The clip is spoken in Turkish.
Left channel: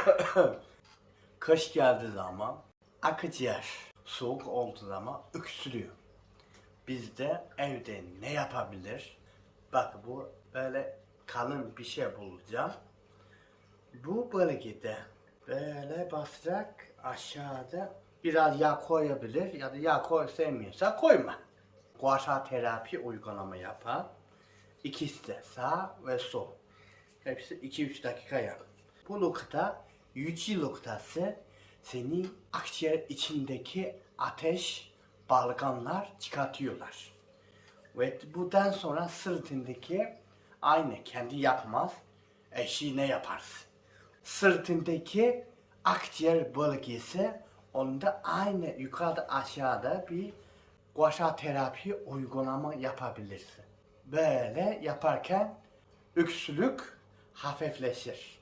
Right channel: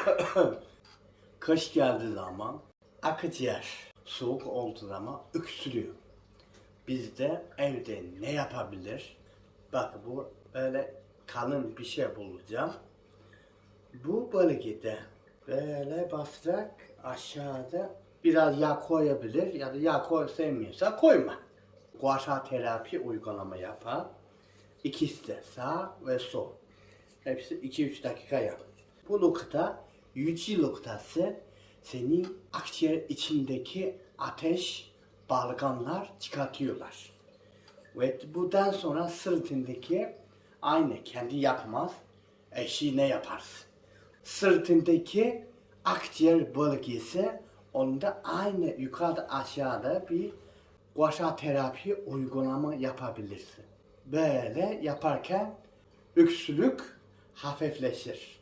Kış geldiği zaman akciğer soğuk olduğu zaman öksürüyor. Biz de evde ne yapabilir? Bak bu böyle kalın bir şey bulacağım. Bu bölgede böyle basarak aşağıda biraz yağ koyabilir ya da yağ koy sevmiyorsa koyma. Guasha terapi uygulama yapar. İkisi de sağ ve sol. Hepsi 2-3 dakika yap. Bu nokta yüce noktası senin akciğer içindeki ateş balgamlar çıkartıyorlar. Ve bundan sonra sırtındaki aynı kendi yapmaz eşi ne yaparsın? Sırtındaki akciğer bölgesi onda aynı yukarıda aşağıda bir guasha terapi uygulama yapabilirsin. Böyle yaparken öksürük hafifleşir.